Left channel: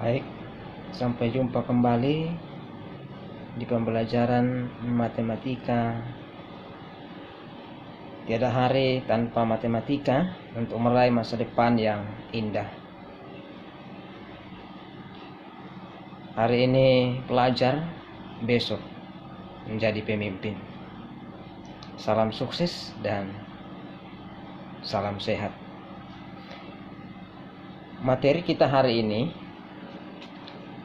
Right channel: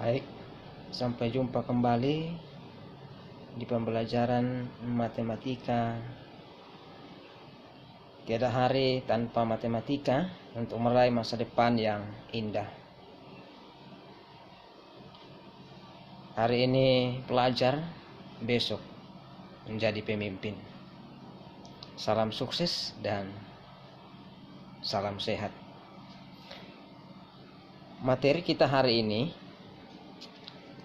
Baik, sampai jumpa kembali di pembelajaran matematika. Tiada hari tanpa matematika untuk meraih masa depan yang indah. Hari ini pelajar, besok menjadi pemimpin. Salam sukses dan salam sehat. Materi kita hari ini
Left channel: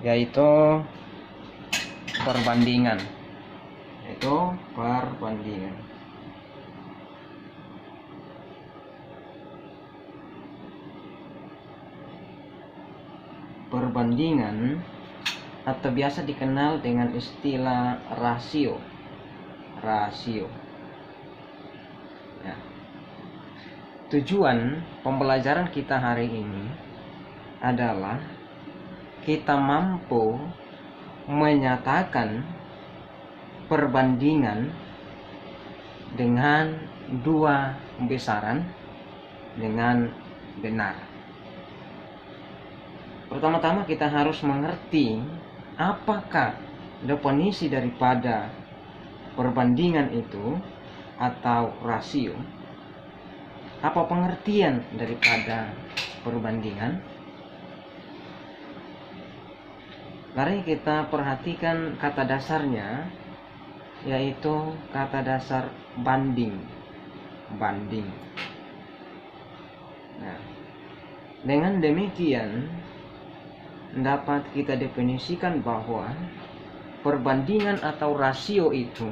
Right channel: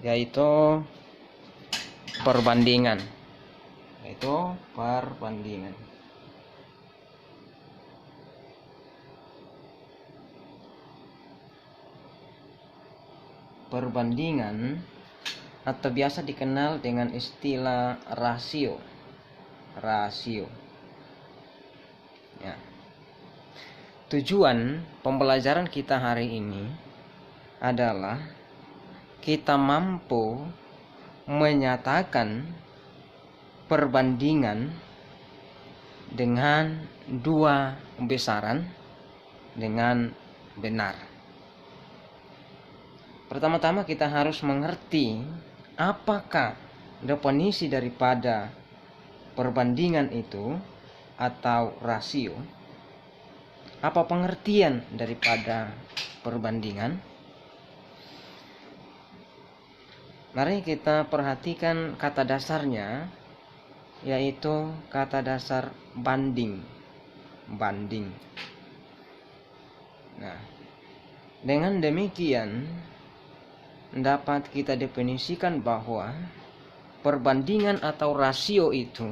yaitu perbandingan. Perbandingan atau biasa dikenal dengan istilah rasio. Ya. Tujuan pembelajaran kita hari ini adalah kita mampu menyatakan perbandingan dengan dua besaran dengan benar. Pertama-tama kita harus mengerti apakah definisi daripada perbandingan itu atau rasio. Apa pengertian daripada perbandingan? Mari kita perhatikan kata dasarnya, yaitu kata dasar banding. Nah, dengan demikian dapat kita definisikan bahwa perbandingan atau rasio itu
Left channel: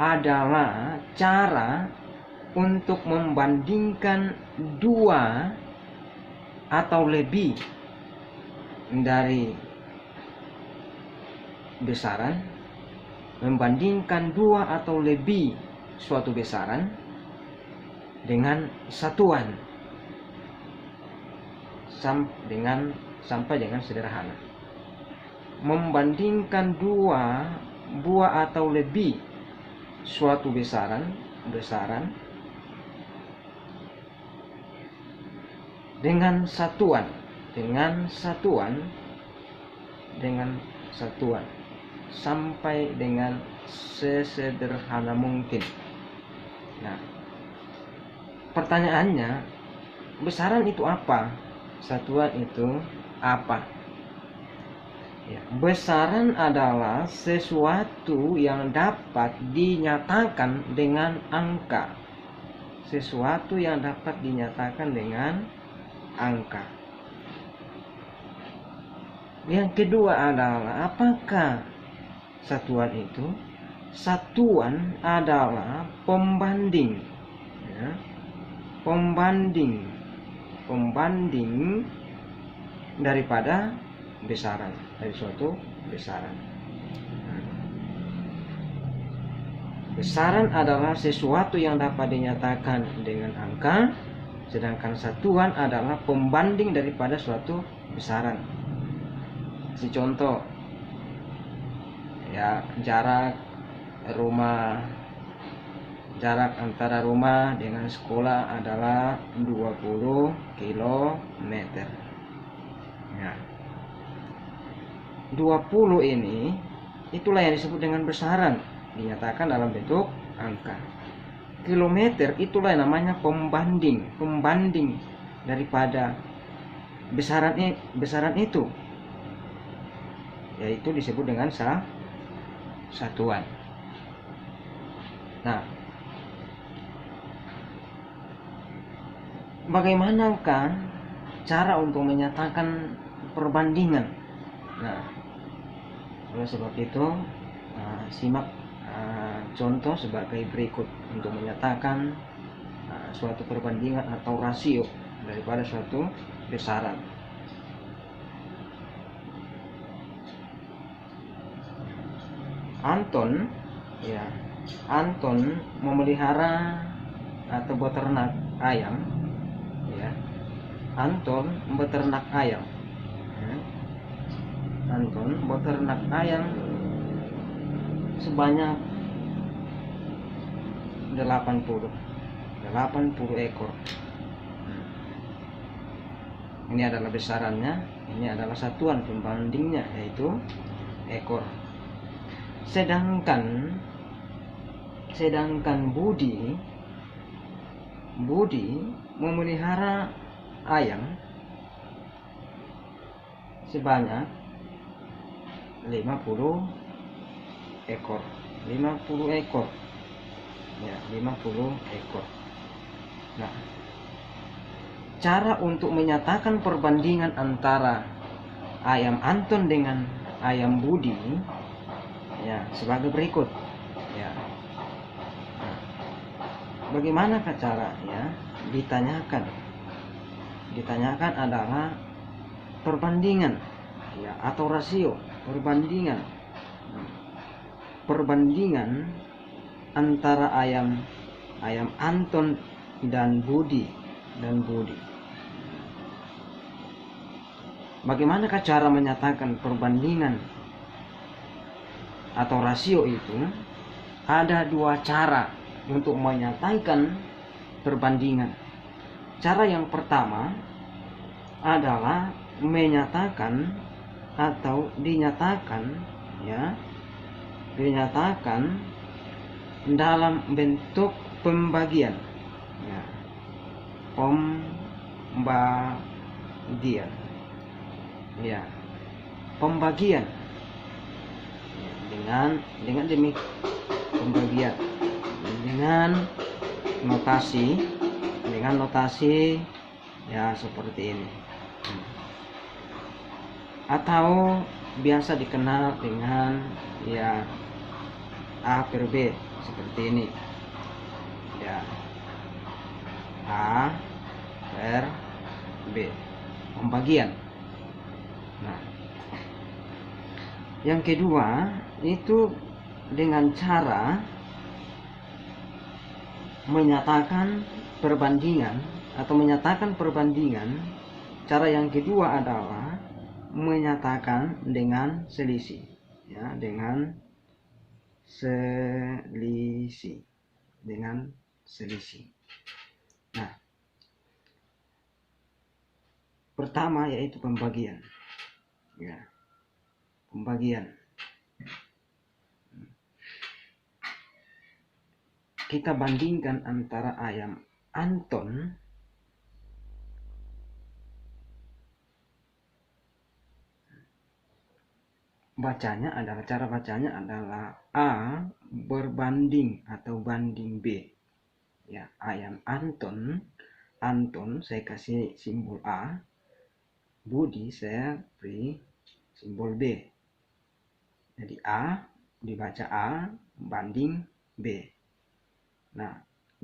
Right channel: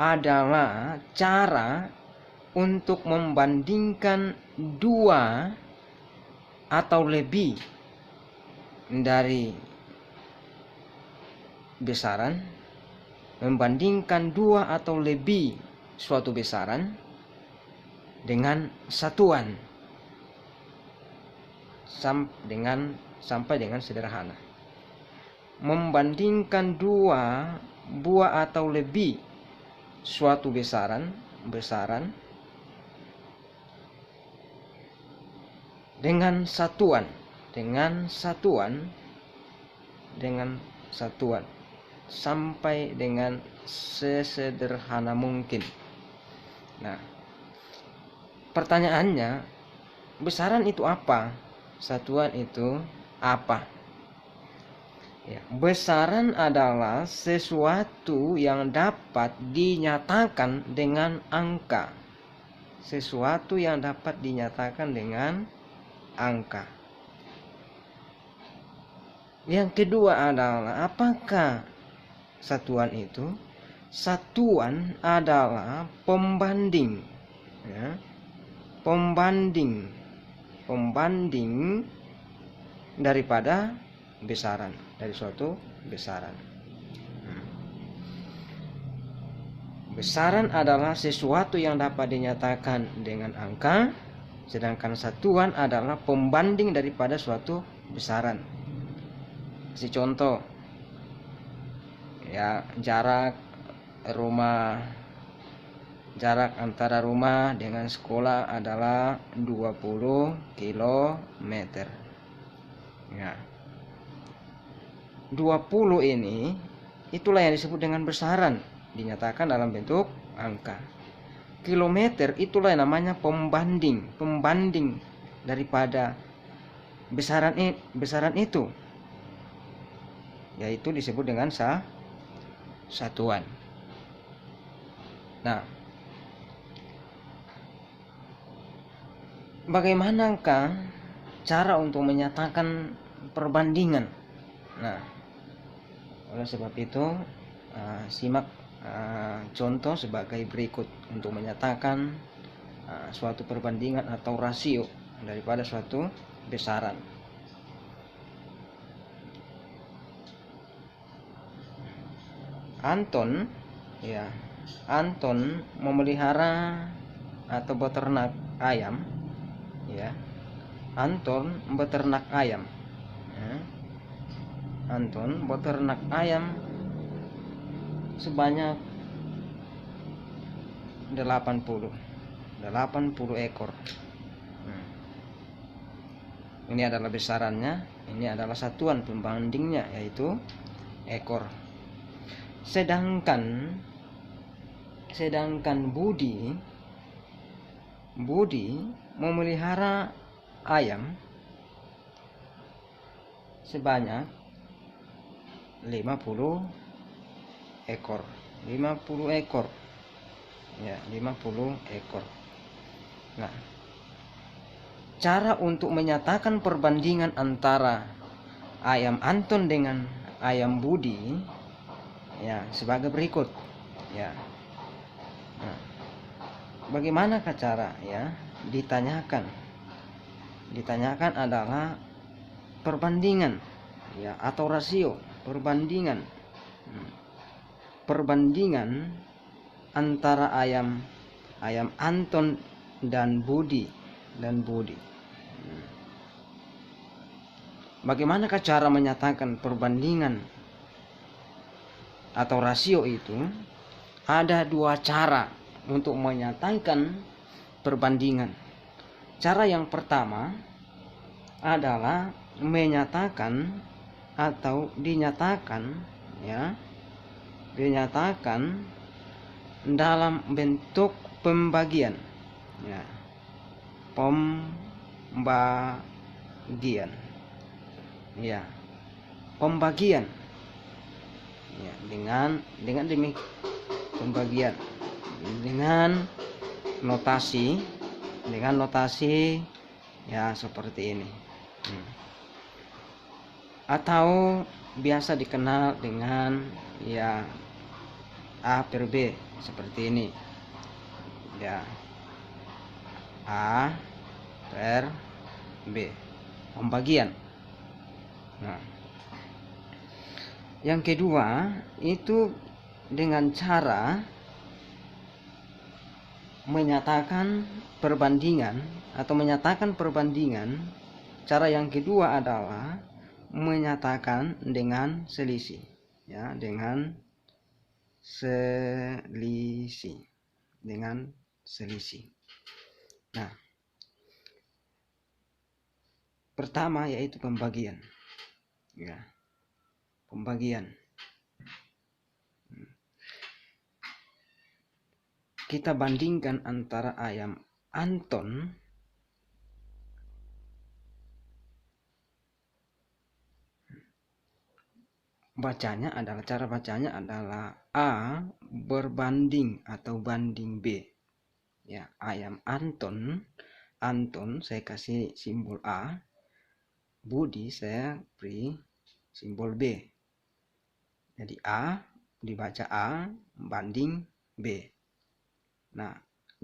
adalah cara untuk membandingkan dua atau lebih dari besaran, membandingkan dua atau lebih suatu besaran dengan satuan sampai dengan sederhana. Membandingkan dua buah atau lebih suatu besaran dengan satuan sampai dengan sesederhana mungkin. Nah, pertanyaannya, besaran itu apa? Satuan itu apa? Ya, besaran adalah sesuatu yang dapat dinyatakan dengan angka. Yang kedua adalah apakah satuan itu? Satuan adalah pembanding, ya. Pembanding daripada besaran, dari suatu besaran. Besaran adalah sesuatu yang dapat dinyatakan dengan angka, sedangkan satuan adalah pembanding daripada suatu besaran. Si contoh, ya, jarak antara rumah dengan sekolah adalah 20 km. Ya. 20 ini itulah yang disebut dengan besaran, dinyatakan dalam bentuk angka. Kilometer itulah yang namanya pembanding daripada besaran itu, yaitu disebut dengan satuan. Nah, bagaimanakah cara untuk menyatakan perbandingan? Nah, oleh sebab itu simak contoh sebagai berikut untuk menyatakan suatu perbandingan atau rasio daripada suatu besaran. Anton memelihara atau beternak ayam, ya. Anton beternak ayam sebanyak 80 ekor. Ini adalah besarannya, ini adalah satuan pembandingnya, yaitu ekor. Sedangkan Budi memelihara ayam sebanyak 50 ekor. 50 ekor. Ya, 50 ekor. Nah, cara untuk menyatakan perbandingan antara ayam Anton dengan ayam Budi ya sebagai berikut. Ya. Nah, bagaimanakah cara ya? Ditanyakan adalah perbandingan ya atau rasio, perbandingan antara ayam Anton dan Budi. Bagaimanakah cara menyatakan perbandingan atau rasio itu? Ada dua cara untuk menyatakan perbandingan. Cara yang pertama adalah menyatakan atau dinyatakan dalam bentuk pembagian. Ya. Pembagian. Ya. Pembagian. Ya, dengan pembagian dengan notasi ya seperti ini. Atau biasa dikenal dengan ya A per B seperti ini. Ya. A per B. Pembagian. Nah, yang kedua itu dengan cara menyatakan perbandingan. Cara yang kedua adalah menyatakan dengan selisih, ya, dengan selisih. Nah, pertama yaitu pembagian. Ya, pembagian. Kita bandingkan antara ayam Anton cara bacanya adalah A berbanding atau banding B. Ya, ayam Anton saya kasih simbol A, Budi saya beri simbol B. Jadi A dibaca A banding B. Nah,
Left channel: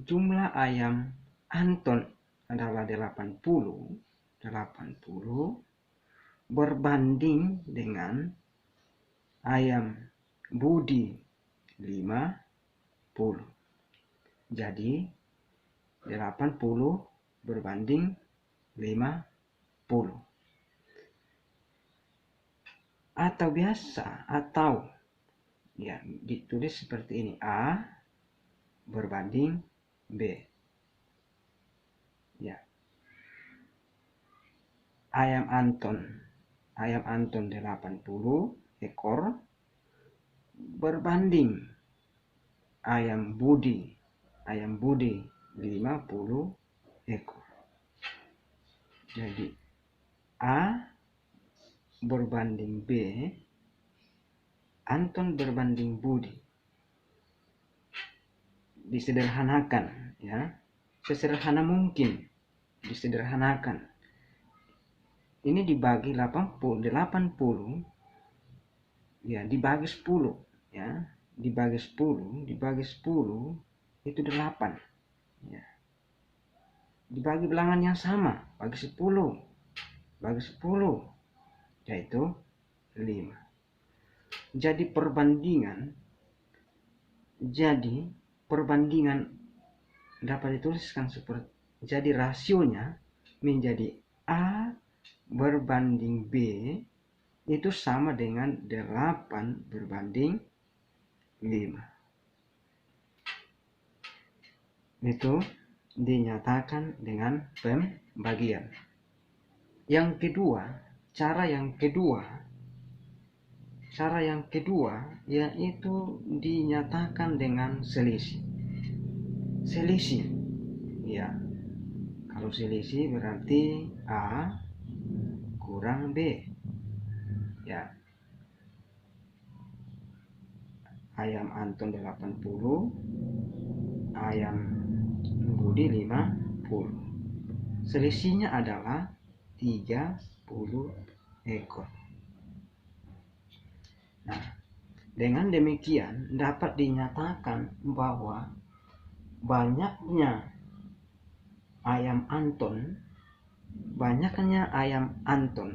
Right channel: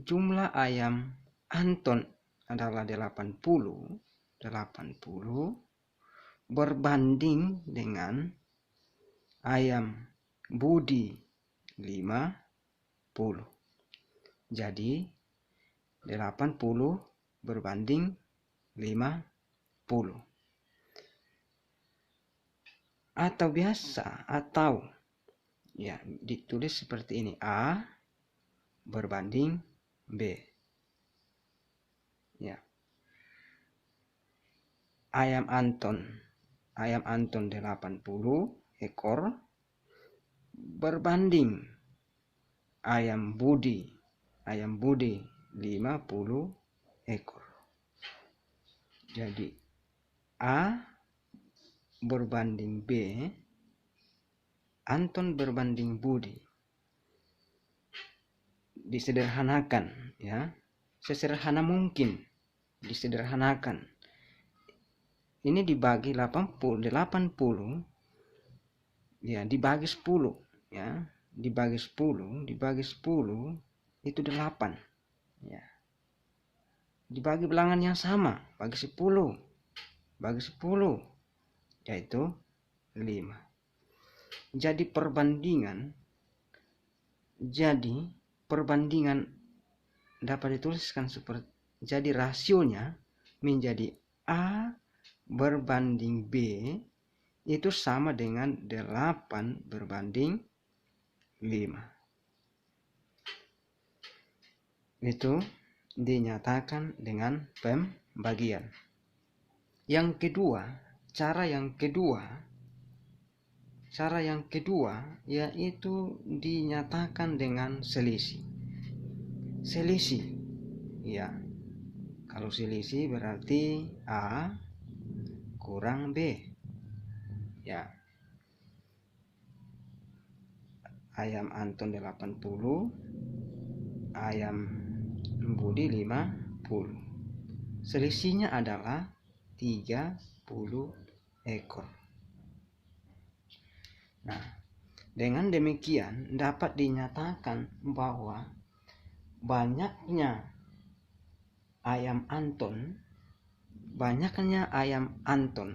jumlah ayam Anton adalah 80 berbanding dengan ayam Budi 50. Jadi 80 berbanding 50. Atau ya ditulis seperti ini, A berbanding B. Ya. Ayam Anton 80 ekor berbanding ayam Budi 50 ekor. Jadi A berbanding B, Anton berbanding Budi. Disederhanakan ya, sesederhana mungkin disederhanakan. Ini dibagi 80 ya, dibagi 10 ya, dibagi 10 itu 8 ya. Dibagi bilangan yang sama, bagi 10 yaitu 5. Jadi perbandingan dapat dituliskan seperti, jadi rasionya menjadi A berbanding B itu sama dengan 8 berbanding 5. Itu dinyatakan dengan pembagian. Yang kedua, cara yang kedua yaitu dinyatakan dengan selisih. Selisih, ya. Kalau selisih berarti A kurang B, ya. Ayam Anton 80, ayam Budi 50. Selisihnya adalah 30 ekor. Nah, dengan demikian dapat dinyatakan bahwa banyaknya ayam Anton, banyaknya ayam Anton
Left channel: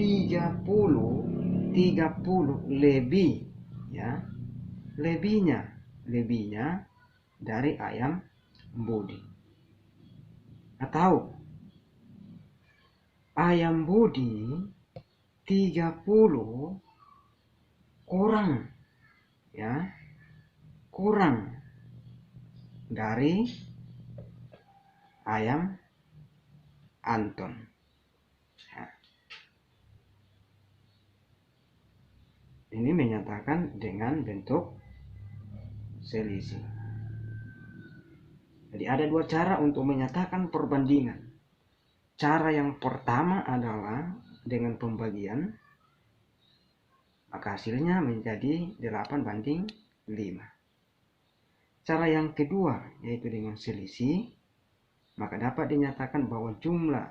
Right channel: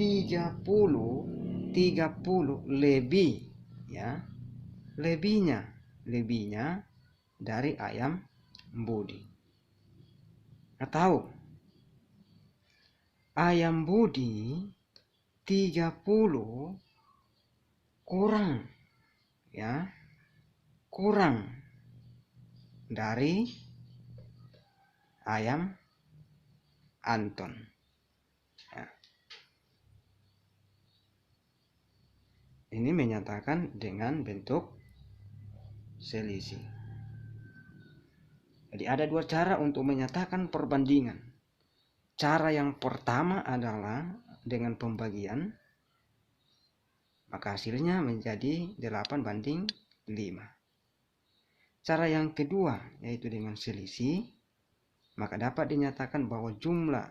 tiga puluh lebih, ya, lebihnya dari ayam Budi. Atau ayam Budi 30 kurang, ya, kurang dari ayam Anton, ya. Ini menyatakan dengan bentuk selisih. Jadi ada dua cara untuk menyatakan perbandingan. Cara yang pertama adalah dengan pembagian, maka hasilnya menjadi 8:5. Cara yang kedua yaitu dengan selisih, maka dapat dinyatakan bahwa jumlah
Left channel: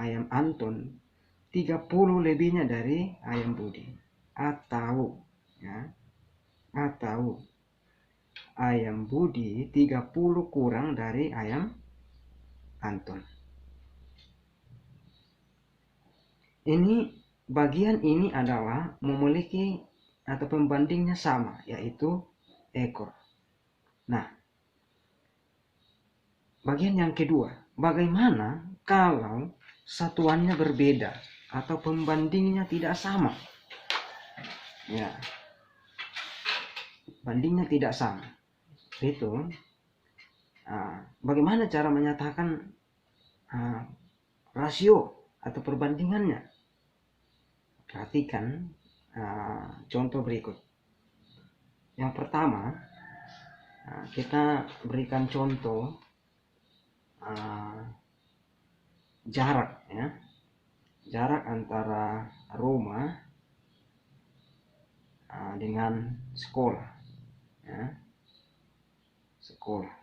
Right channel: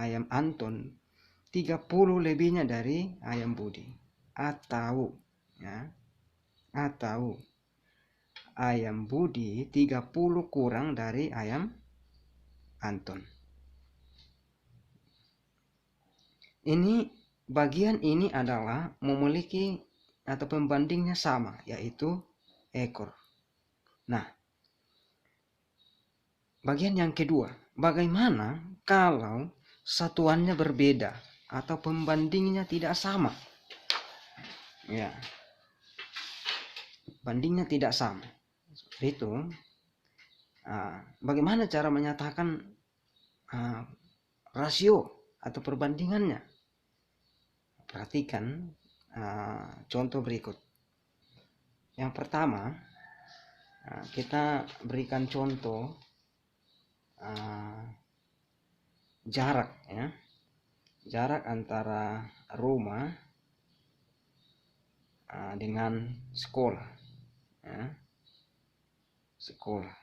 ayam Anton 30 lebihnya dari ayam Budi, atau ayam Budi 30 kurang dari ayam Anton. Bagian ini adalah memiliki atau pembandingnya sama, yaitu ekor. Nah, bagian yang kedua, bagaimana kalau satuannya berbeda atau pembandingnya tidak sama? Ya, bandingnya tidak sama. Seperti itu. Bagaimana cara menyatakan rasio atau perbandingannya? Perhatikan contoh berikut. Yang pertama, kita berikan contoh jarak, ya. Jarak antara rumah dengan sekolah, ya. Sekolah,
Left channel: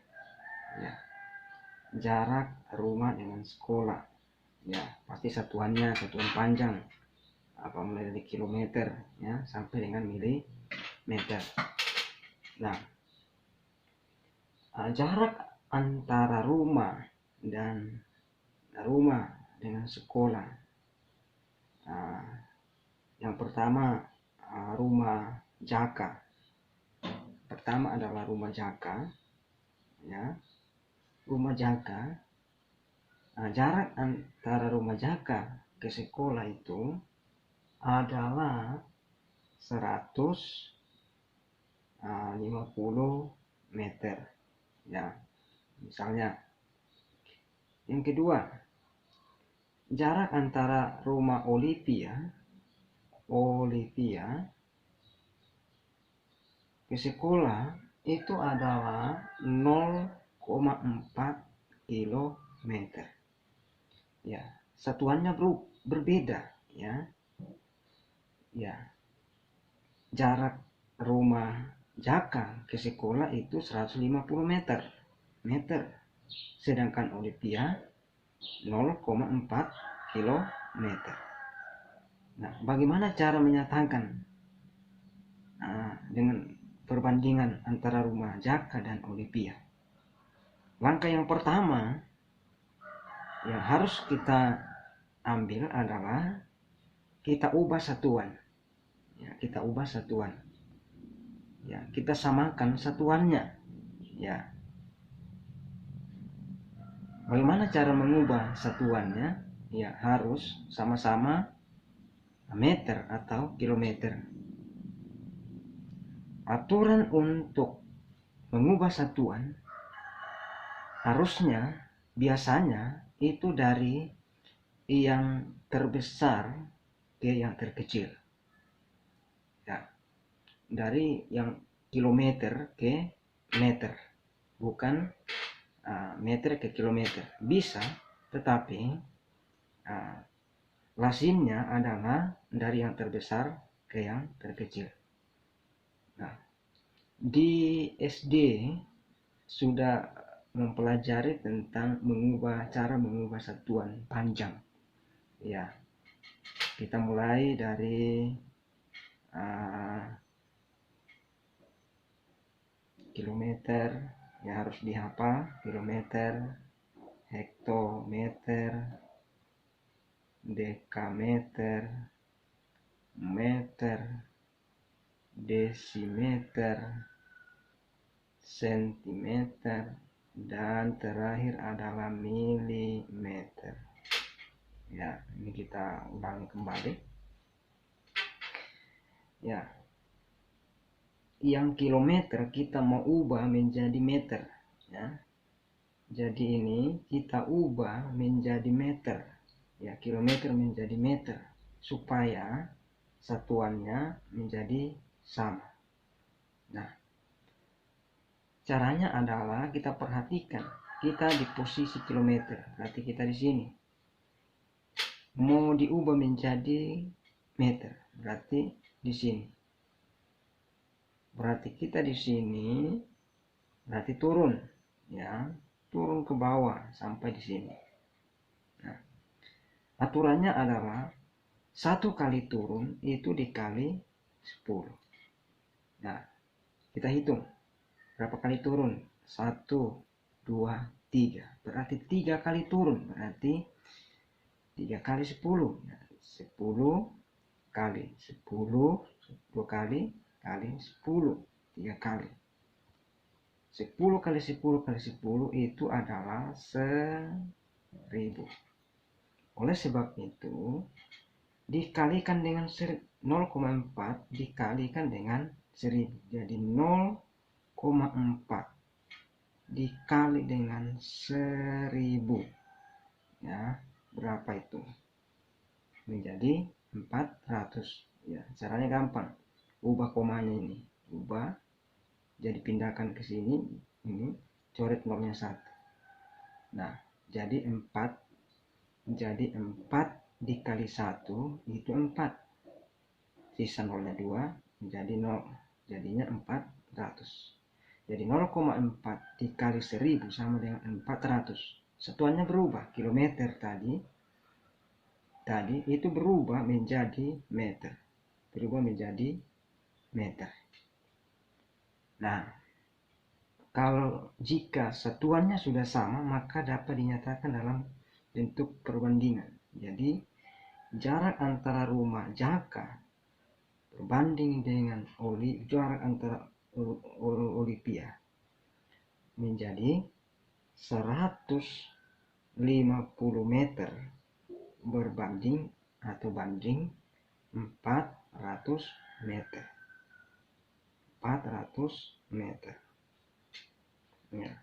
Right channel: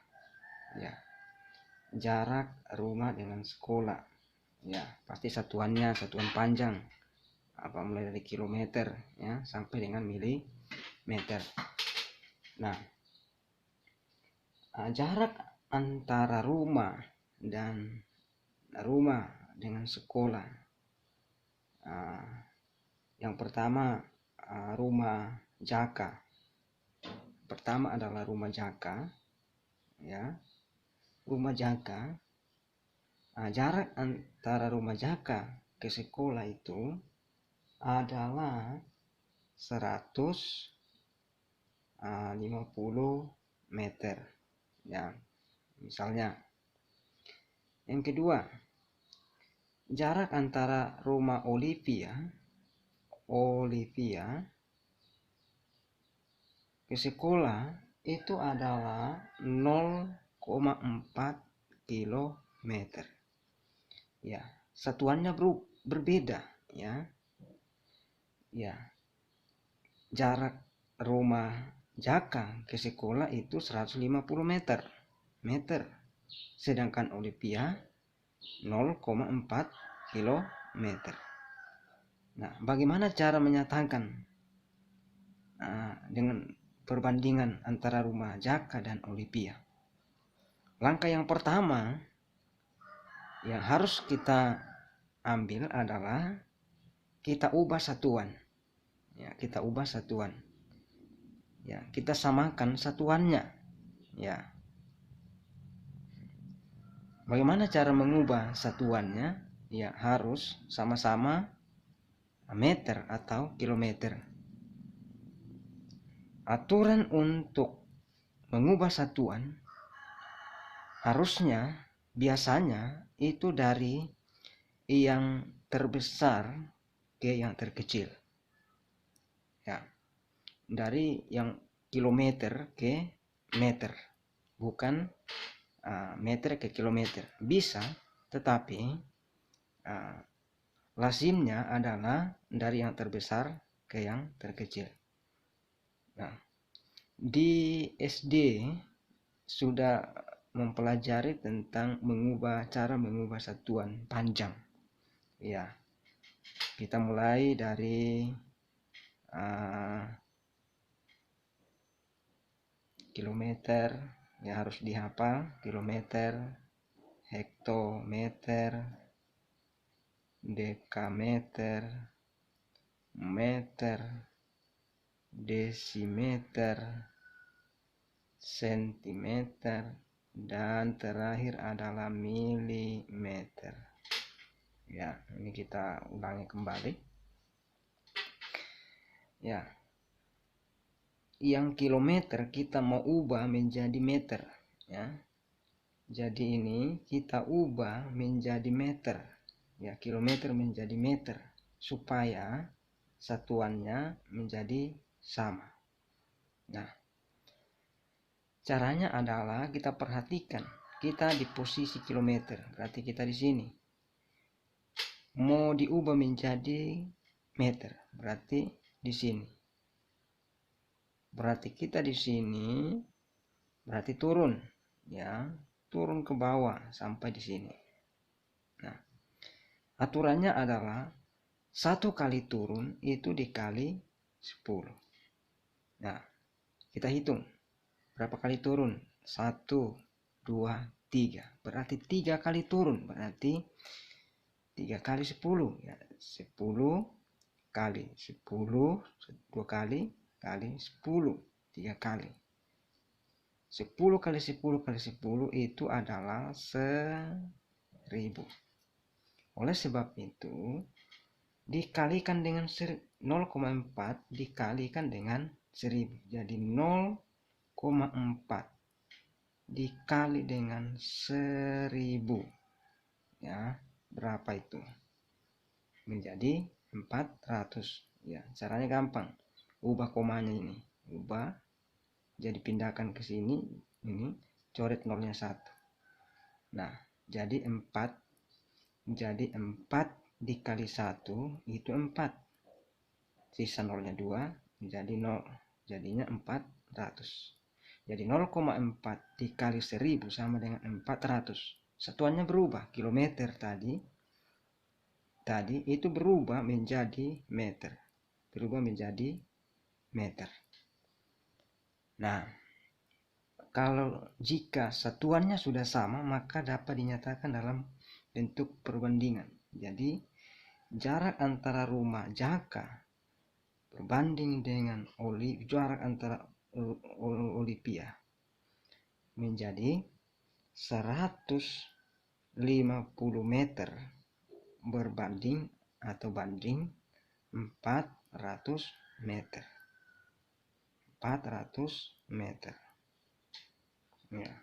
ya. Jarak rumah dengan sekolah, ya, pasti satuan panjang, mulai dari kilometer, ya, sampai dengan milimeter. Nah, jarak antara rumah dengan sekolah, yang pertama rumah Jaka. Pertama adalah rumah Jaka, ya. Rumah Jaka, jarak antara rumah Jaka ke sekolah itu adalah 150 meter, ya, misalnya. Yang kedua, jarak antara rumah Olivia ke sekolah itu adalah 0,4 kilometer. Ya, satuannya berbeda, ya. Ya. Jarak rumah Jaka ke sekolah itu 150 meter. Sedangkan Olivia 0,4 kilometer. Nah, bagaimana cara menyatakan dengan perbandingan antara rumah Jaka dan Olivia? Langkah yang pertama yang harus kita ambil adalah kita ubah satuan. Ya, kita ubah satuan. Ya, kita samakan satuannya. Ya. Bagaimana cara mengubah satuannya? Ya, harus sama-sama meter atau kilometer. Aturan untuk mengubah satuan harusnya biasanya itu dari yang terbesar ke yang terkecil, ya, dari yang kilometer ke meter, bukan meter ke kilometer. Bisa, tetapi lazimnya adalah dari yang terbesar ke yang terkecil. Nah, di SD sudah mempelajari tentang cara mengubah satuan panjang. Ya, kita mulai dari kilometer, ya harus dihafal, kilometer, hektometer, dekameter, meter, desimeter, sentimeter, dan terakhir adalah milimeter. Ya, ini kita ulangi kembali. Ya, yang kilometer kita mau ubah menjadi meter, ya. Jadi ini kita ubah menjadi meter, ya, kilometer menjadi meter, supaya satuannya menjadi sama. Nah, caranya adalah kita perhatikan, kita di posisi kilometer, berarti kita di sini. Mau diubah menjadi meter, berarti di sini. Berarti kita di sini, berarti turun, ya, turun ke bawah sampai di sini. Nah, aturannya adalah 1 kali turun itu dikali 10. Nah, kita hitung berapa kali turun. 1, 2, 3. Berarti 3 kali turun. Berarti 3 kali 10. Ya, 10 kali 10. 2 kali 10. 3 kali. 10 kali 10 kali 10 itu adalah 1000. Oleh sebab itu, dikalikan dengan 0,4 dikalikan dengan 1000. Jadi 0,4 dikali dengan 1000. Ya, berapa itu? Menjadi 400. Ya, caranya gampang. Ubah komanya ini. Ubah. Jadi pindahkan ke sini. Ini. Coret nolnya 1. Nah, jadi 4. Jadi 4 dikali 1 itu 4. Sisa nolnya 2 menjadi 0. Jadinya 400. Jadi 0,4 dikali 1000 sama dengan 400. Satuannya berubah. Kilometer tadi itu berubah menjadi meter. Berubah menjadi meter. Nah, kalau jika satuannya sudah sama, maka dapat dinyatakan dalam bentuk perbandingan. Jadi, jarak antara rumah Jaka berbanding dengan jarak antara Olivia menjadi 150 meter berbanding atau banding 400 meter. 400 meter. Ya.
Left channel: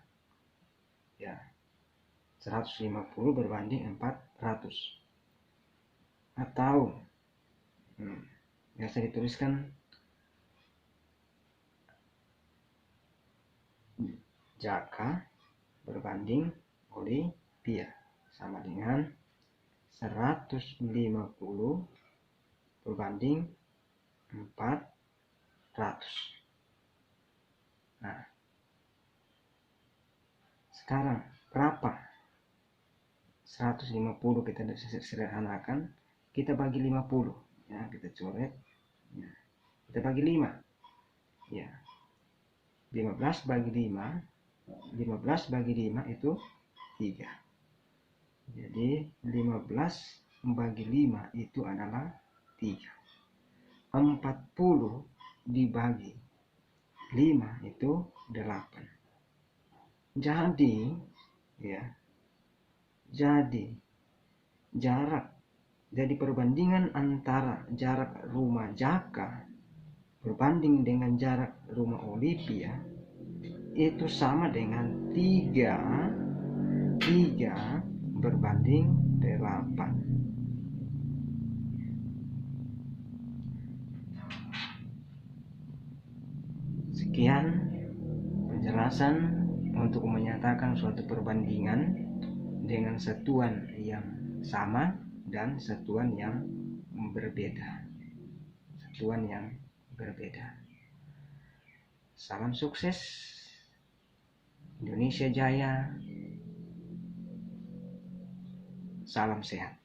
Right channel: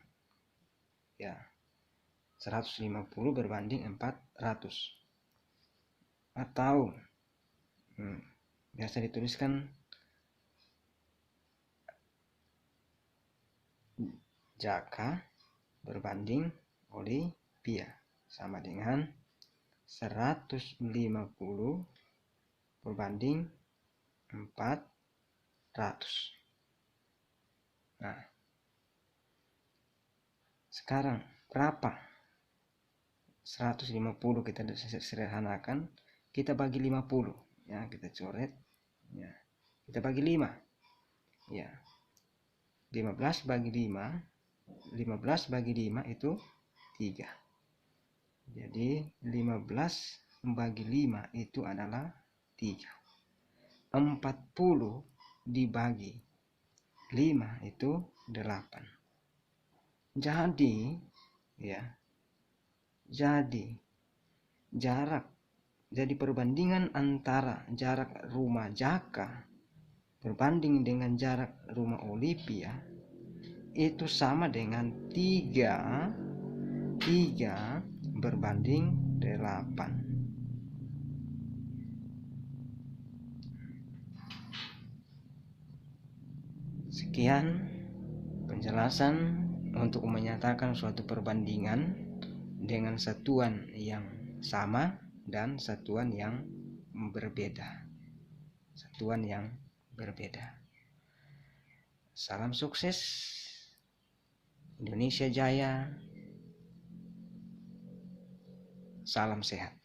150 berbanding 400. Atau biasa dituliskan Jaka berbanding Olivia sama dengan 150 berbanding 400. Nah, sekarang berapa? 150 kita sederhanakan, kita bagi 50. Ya, kita coret. Ya, kita bagi 5. Ya. 15 bagi 5. 15 bagi 5 itu 3. Jadi 15 bagi 5 itu adalah 3. 40 dibagi 5 itu 8. Jadi jarak, jadi perbandingan antara jarak rumah Jaka berbanding dengan jarak rumah Olivia itu sama dengan 3 3 berbanding 8. Sekian penjelasan untuk menyatakan suatu perbandingan dengan satuan yang sama dan satuan yang berbeda. Salam sukses, Indonesia Jaya, salam sehat.